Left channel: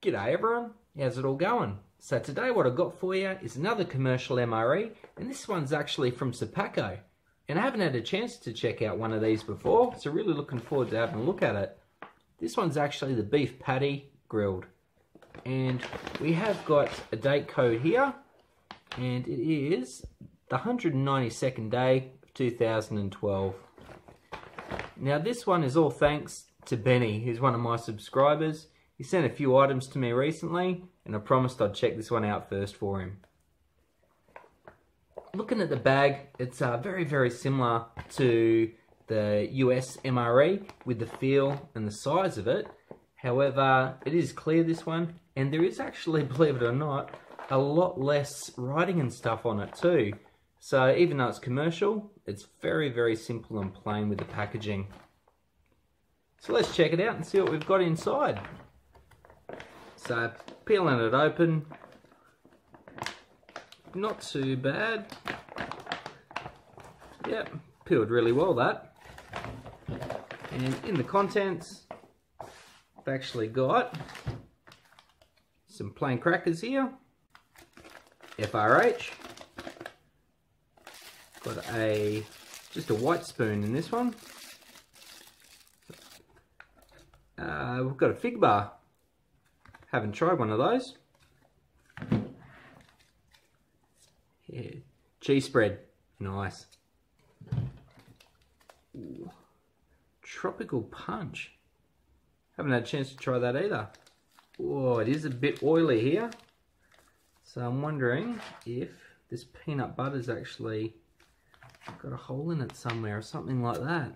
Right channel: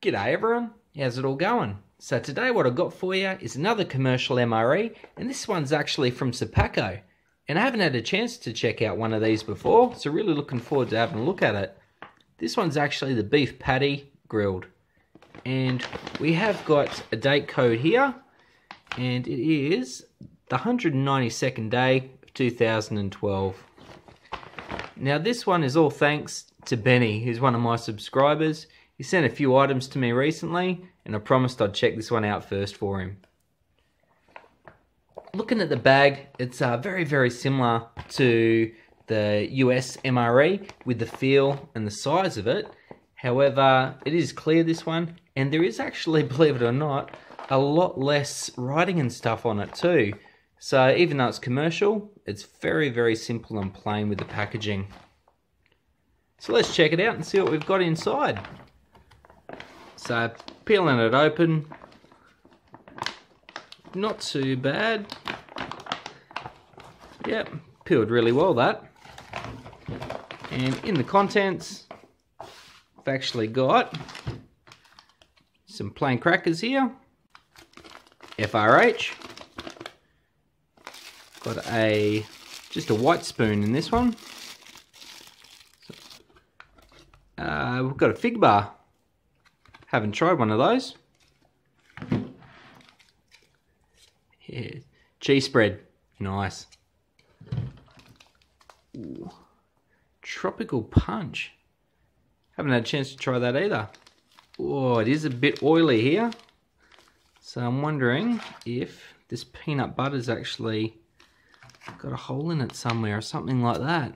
G'day everyone, how's it all going? So today what I've got for you is another commercial MRE, and this one's actually from Sopaco. And I haven't had a chance to check out one of these before, so really looking forward to having a look at it. This one's actually the beef patty grilled. And we have got a date code here, and it is the 192nd day of 2012. Now this one is all thanks to Benny, who's one of my subscribers. He sent a few items to me recently, and I promised I'd check this one out first for him. Looking at the bag, it's very, very similar to the US MRE with the feel and the size of it. However, it is clear, this one, and there is actually, believe it or not, a lot less writing and stuff on it too. So even though it's commercial, it's very, very simple and plain with the packaging. So let's check it out and see what we've got inside. So peeling it open, not too bad. Yep, peeled really well that. And in the contents, I've actually got some plain crackers here, FRH, got just a white spoon in this one. We've got a fig bar. Haven't tried one of those. Yeah, cheese spread, nice. Ooh. Tropical punch. Haven't had a chance to try that either. Oh, it is a bit oily here. So I'm wondering if this peanut butter's actually got a hole in it somewhere or something like that.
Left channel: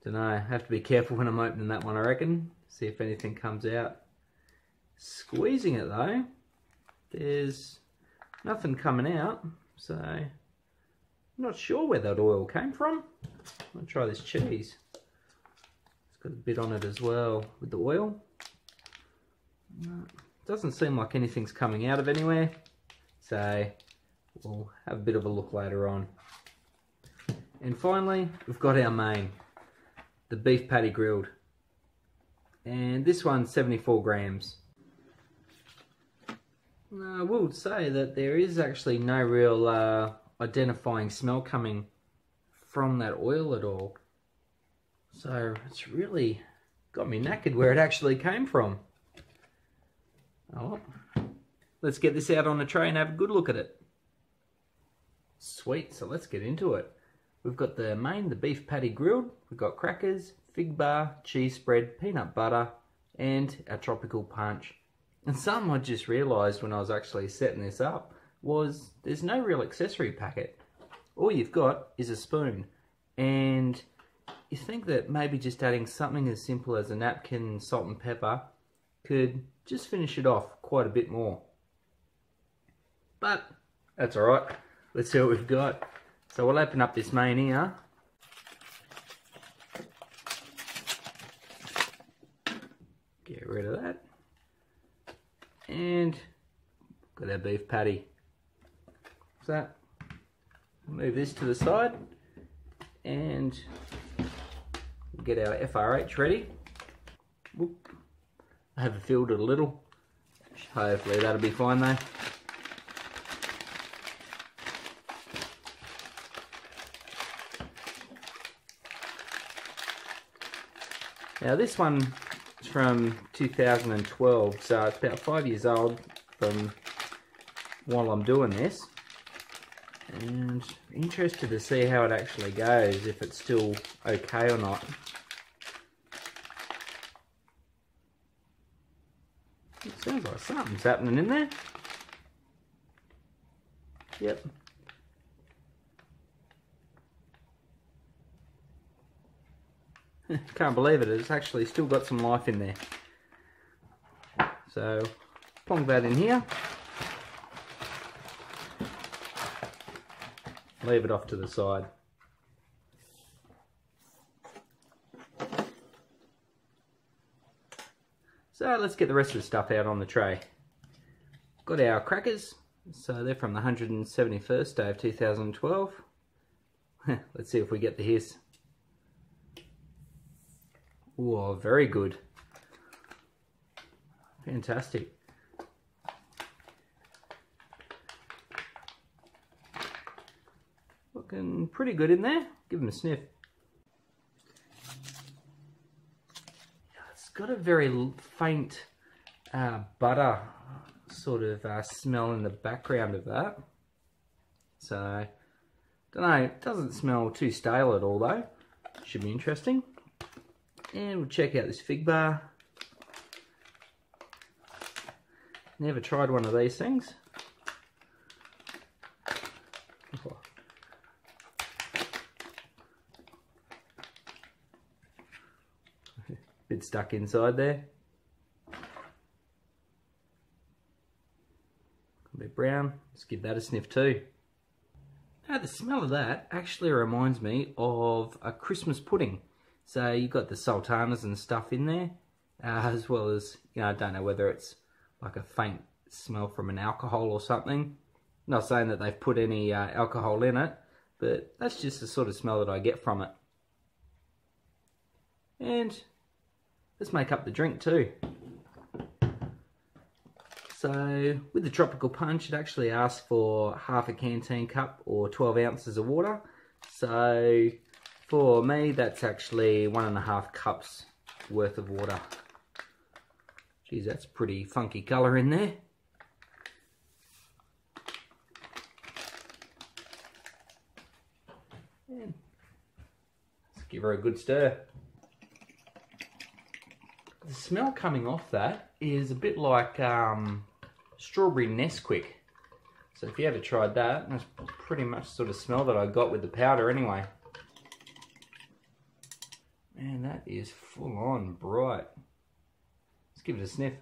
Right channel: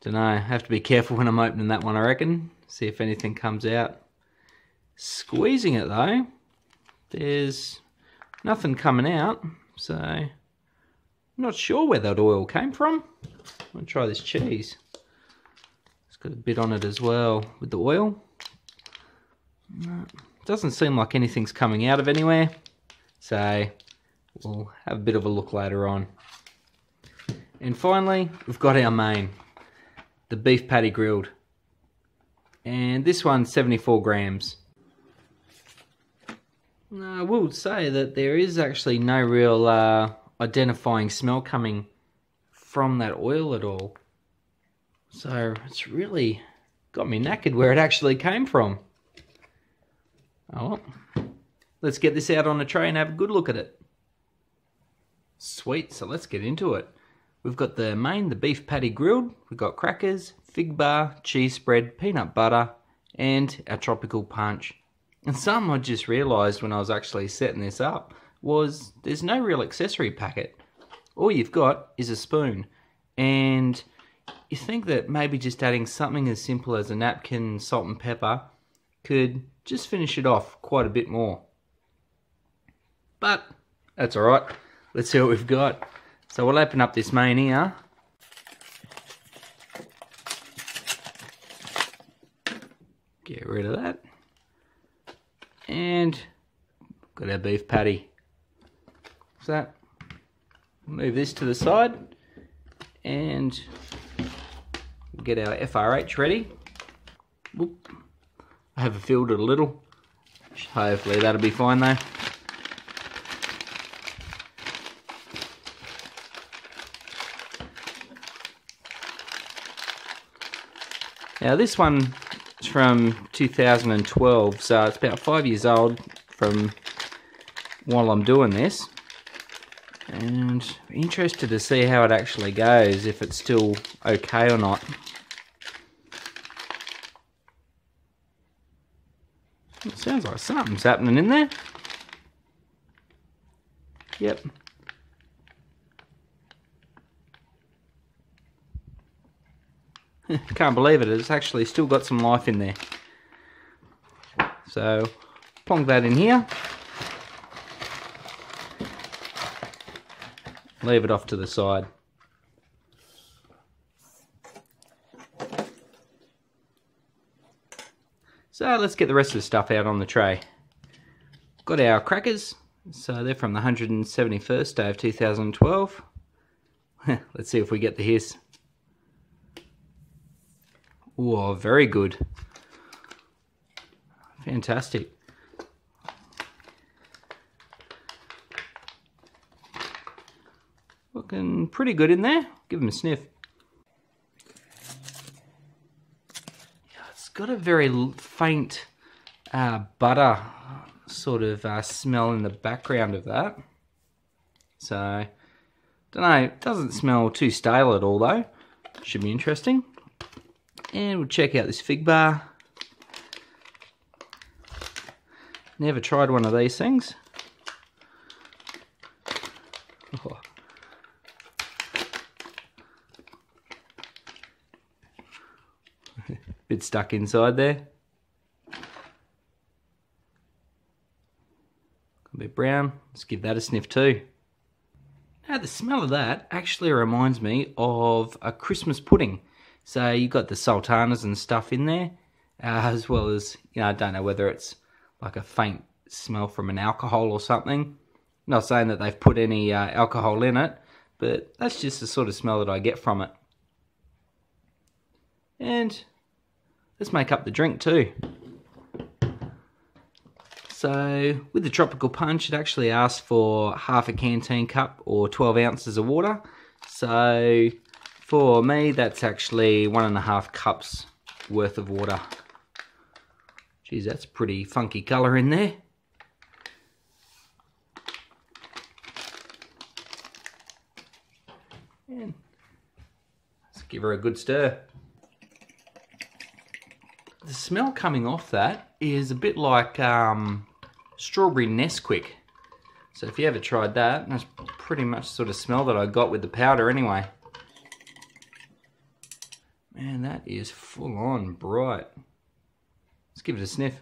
Don't know, have to be careful when I'm opening that one, I reckon. See if anything comes out. Squeezing it though, there's nothing coming out, so I'm not sure where that oil came from. I'm gonna try this cheese. It's got a bit on it as well with the oil. Doesn't seem like anything's coming out of anywhere, so we'll have a bit of a look later on. And finally, we've got our main, the beef patty grilled. And this one's 74 grams. I will say that there is actually no real identifying smell coming from that oil at all. So it's really got me knackered where it actually came from. Oh, let's get this out on a tray and have a good look at it. Sweet, so let's get into it. We've got the main, the beef patty grilled. We've got crackers, fig bar, cheese spread, peanut butter, and our tropical punch. And something I just realised when I was actually setting this up was there's no real accessory packet. All you've got is a spoon. And you think that maybe just adding something as simple as a napkin, salt and pepper could just finish it off quite a bit more. But that's alright. Let's see what we've got. So we'll open up this main here. Get rid of that. And got our beef patty. So move this to the side and we'll get our FRH ready. Whoop. I have filled it a little. Hopefully that'll be fine though. Now this one is from 2012, so it's about 5 years old from while I'm doing this. And interested to see how it actually goes, if it's still okay or not. It sounds like something's happening in there. Yep. Can't believe it, it's actually still got some life in there. So, plonk that in here. Leave it off to the side. So let's get the rest of the stuff out on the tray. Got our crackers, so they're from the 171st day of 2012. Let's see if we get the hiss. Oh, very good. Fantastic. Looking pretty good in there. Give them a sniff. It's got a very faint butter sort of smell in the background of that. So, don't know, it doesn't smell too stale at all though. Should be interesting. And we'll check out this fig bar. Never tried one of these things. Oh. Bit stuck inside there. A bit brown. Let's give that a sniff too. Now the smell of that actually reminds me of a Christmas pudding. So you've got the sultanas and stuff in there, as well as, you know, I don't know whether it's like a faint smell from an alcohol or something. Not saying that they've put any alcohol in it, but that's just the sort of smell that I get from it. And let's make up the drink too. So with the tropical punch, it actually asks for half a canteen cup or 12 ounces of water. So for me, that's actually 1.5 cups worth of water. Geez, that's pretty funky colour in there. And let's give her a good stir. The smell coming off that is a bit like strawberry Nesquik. So if you ever tried that, that's pretty much the sort of smell that I got with the powder anyway. Man, that is full on bright. Let's give it a sniff.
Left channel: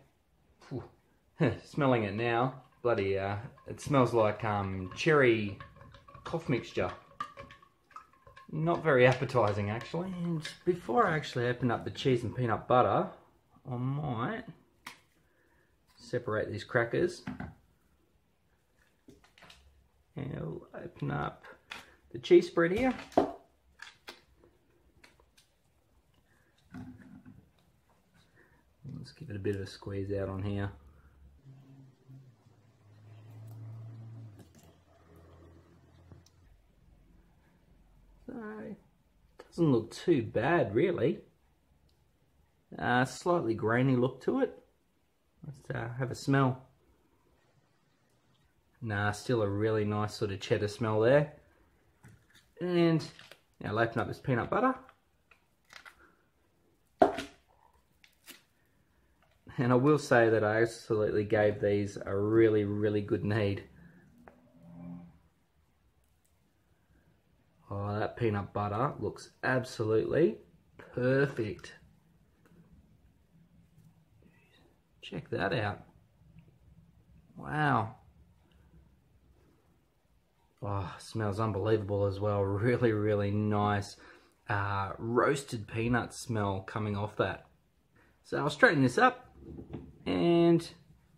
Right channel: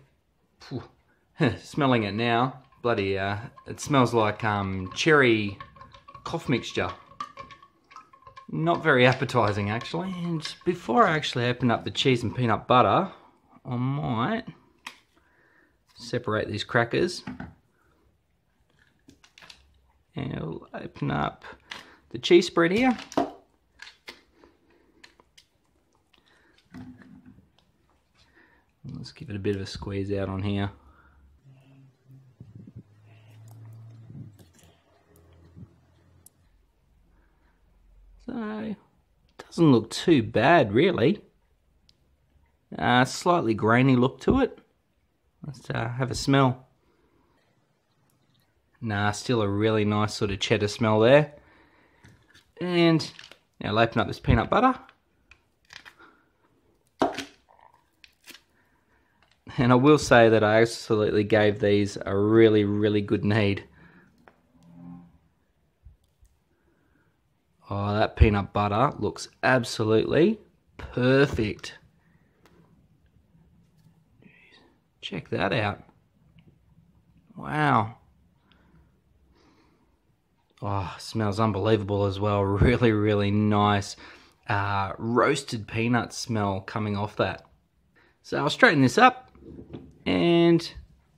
Smelling it now, bloody, it smells like cherry cough mixture. Not very appetizing actually. And before I actually open up the cheese and peanut butter, I might separate these crackers. And I'll open up the cheese spread here. Let's give it a bit of a squeeze out on here. So, it doesn't look too bad really. Slightly grainy look to it. Let's have a smell. Nah, still a really nice sort of cheddar smell there. And now I'll open up this peanut butter. And I will say that I absolutely gave these a really, really good knead. Oh, that peanut butter looks absolutely perfect. Check that out. Wow. Oh, smells unbelievable as well. Really, really nice roasted peanut smell coming off that. So I'll straighten this up and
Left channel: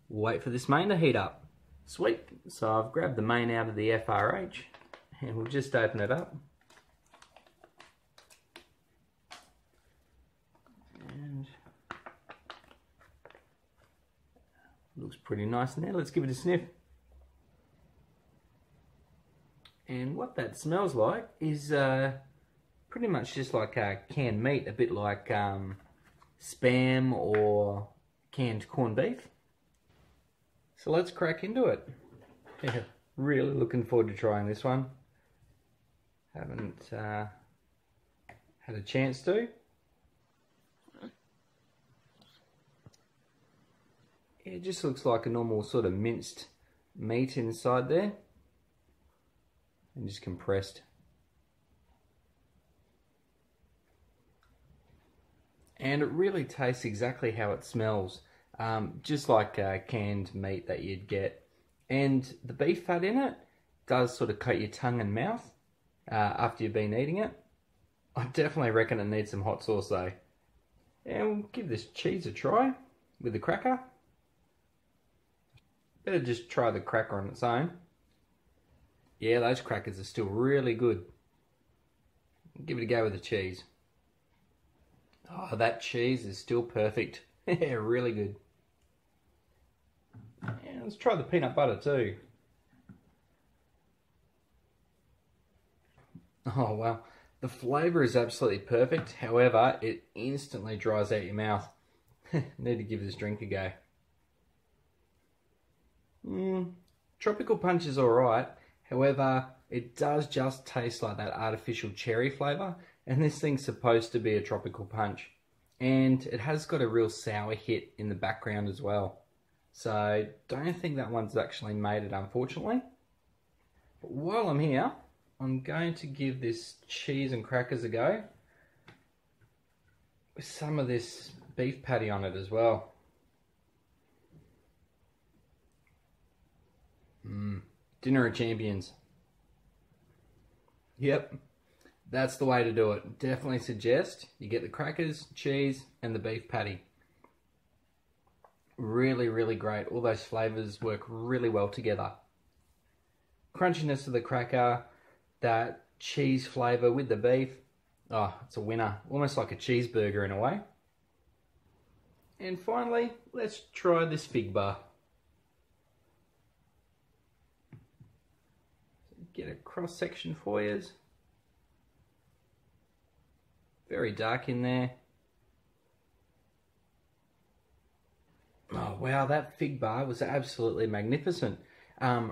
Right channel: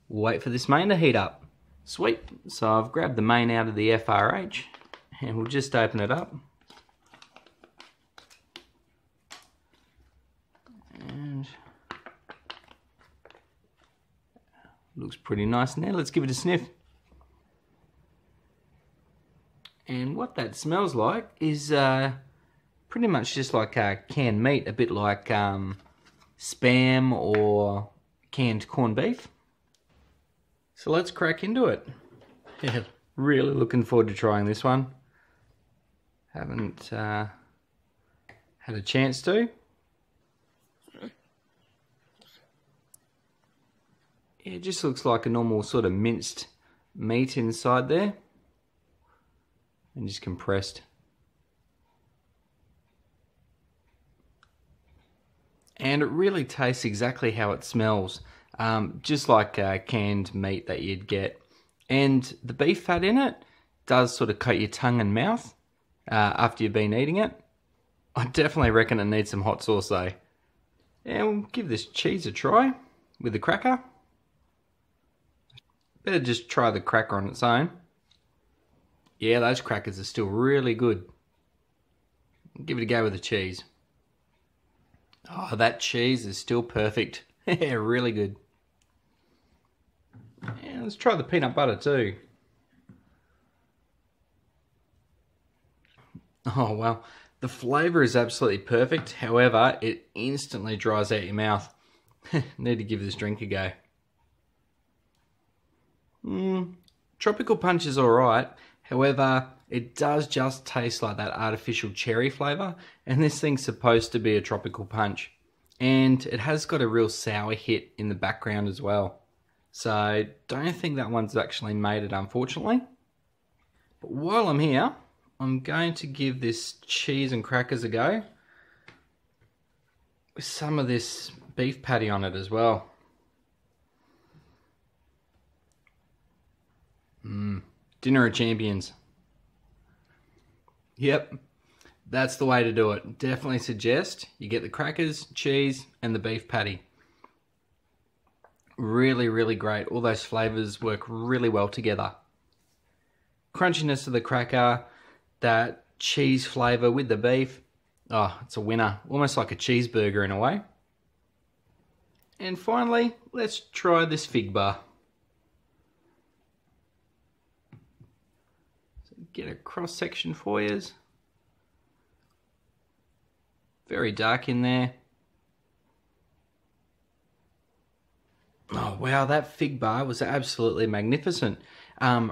wait for this main to heat up. Sweet. So I've grabbed the main out of the FRH and we'll just open it up. And looks pretty nice in there. Let's give it a sniff. And what that smells like is pretty much just like canned meat, a bit like Spam or canned corned beef. So let's crack into it. Yeah, really looking forward to trying this one. Haven't had a chance to. It just looks like a normal sort of minced meat inside there. And just compressed. And it really tastes exactly how it smells. Just like canned meat that you'd get. And the beef fat in it does sort of coat your tongue and mouth after you've been eating it. I definitely reckon it needs some hot sauce though. And we'll give this cheese a try with the cracker. Better just try the cracker on its own. Yeah, those crackers are still really good. Give it a go with the cheese. Oh, that cheese is still perfect. Yeah, really good. Let's try the peanut butter too. Oh well, the flavour is absolutely perfect. However, it instantly dries out your mouth. Need to give this drink a go. Tropical Punch is alright. However, it does just taste like that artificial cherry flavour. And this thing's supposed to be a tropical punch. And it has got a real sour hit in the background as well. So, don't think that one's actually made it, unfortunately. But while I'm here, I'm going to give this cheese and crackers a go with some of this beef patty on it as well. Dinner of champions. Yep, that's the way to do it. Definitely suggest you get the crackers, cheese, and the beef patty. Really, really great. All those flavors work really well together. Crunchiness of the cracker, that cheese flavor with the beef. Oh, it's a winner. Almost like a cheeseburger in a way. And finally, let's try this fig bar. So get a cross section for you. Very dark in there. Oh wow, that fig bar was absolutely magnificent.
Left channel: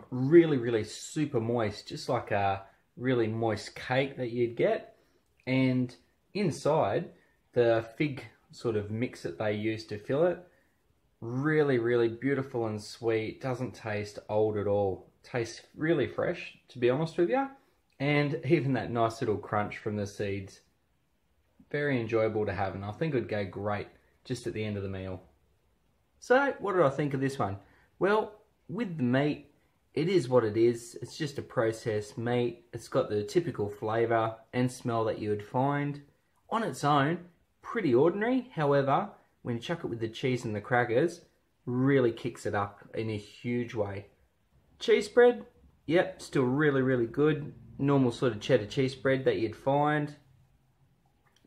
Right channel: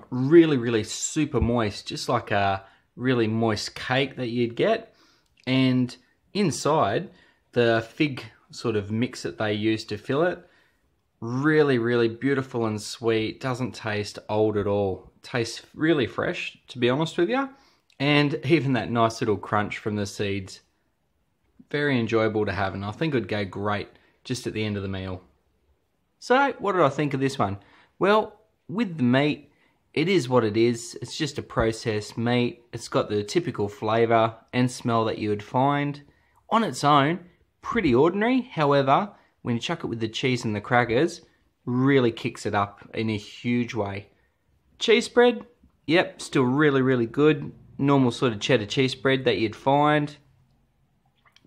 Really, really super moist, just like a really moist cake that you'd get. And inside, the fig sort of mix that they use to fill it, really, really beautiful and sweet. Doesn't taste old at all. Tastes really fresh, to be honest with you. And even that nice little crunch from the seeds. Very enjoyable to have, and I think it would go great just at the end of the meal. So, what did I think of this one? Well, with the meat, it is what it is. It's just a processed meat. It's got the typical flavour and smell that you would find. On its own, pretty ordinary. However, when you chuck it with the cheese and the crackers, really kicks it up in a huge way. Cheese spread, yep, still really, really good. Normal sort of cheddar cheese spread that you'd find.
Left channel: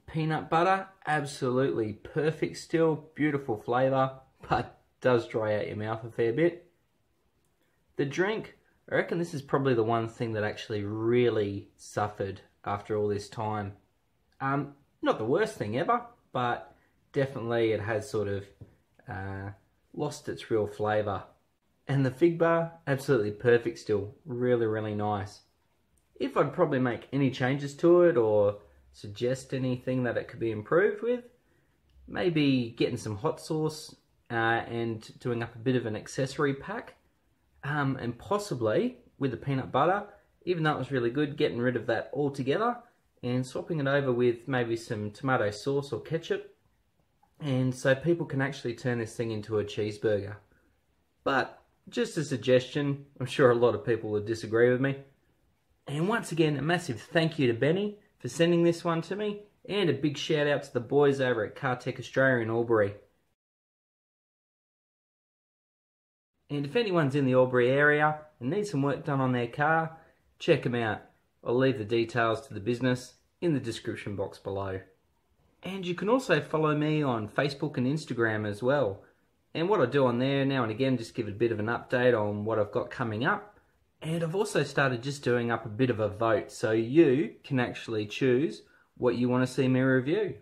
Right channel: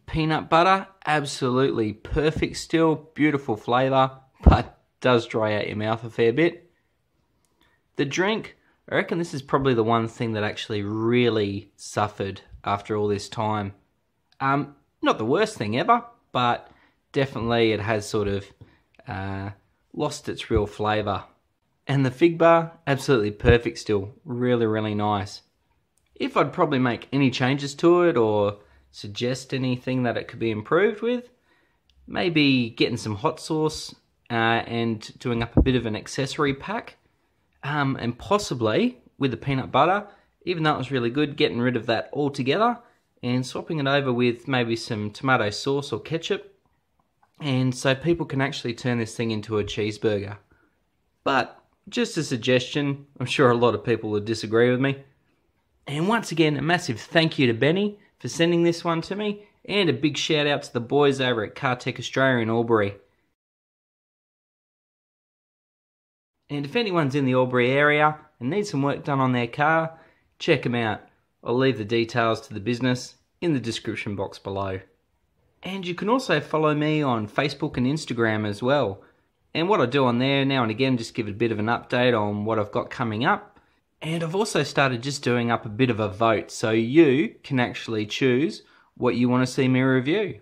Peanut butter, absolutely perfect still. Beautiful flavour, but does dry out your mouth a fair bit. The drink, I reckon this is probably the one thing that actually really suffered after all this time. Not the worst thing ever, but definitely it has sort of lost its real flavour. And the fig bar, absolutely perfect still. Really, really nice. If I'd probably make any changes to it or suggest anything that it could be improved with, maybe getting some hot sauce and doing up a bit of an accessory pack. And possibly with the peanut butter, even though it was really good, getting rid of that altogether and swapping it over with maybe some tomato sauce or ketchup. And so people can actually turn this thing into a cheeseburger. But just a suggestion, I'm sure a lot of people would disagree with me. And once again, a massive thank you to Benny for sending this one to me, and a big shout out to the boys over at Cartech Australia in Aulbury. And if anyone's in the Albury area and needs some work done on their car, check them out. I'll leave the details to the business in the description box below. And you can also follow me on Facebook and Instagram as well. And what I do on there now and again, just give a bit of an update on what I've got coming up. And I've also started just doing up a bit of a vote, so you can actually choose what you want to see me review.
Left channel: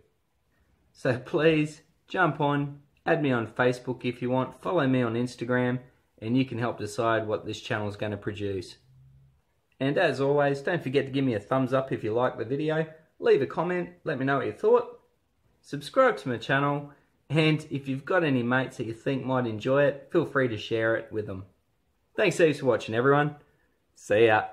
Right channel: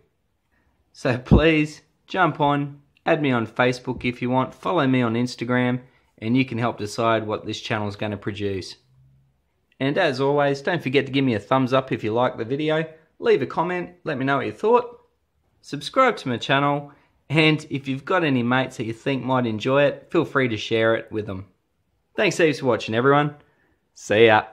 So please jump on, add me on Facebook if you want, follow me on Instagram, and you can help decide what this channel is going to produce. And as always, don't forget to give me a thumbs up if you like the video, leave a comment, let me know what you thought, subscribe to my channel, and if you've got any mates that you think might enjoy it, feel free to share it with them. Thanks heaps for watching everyone. See ya.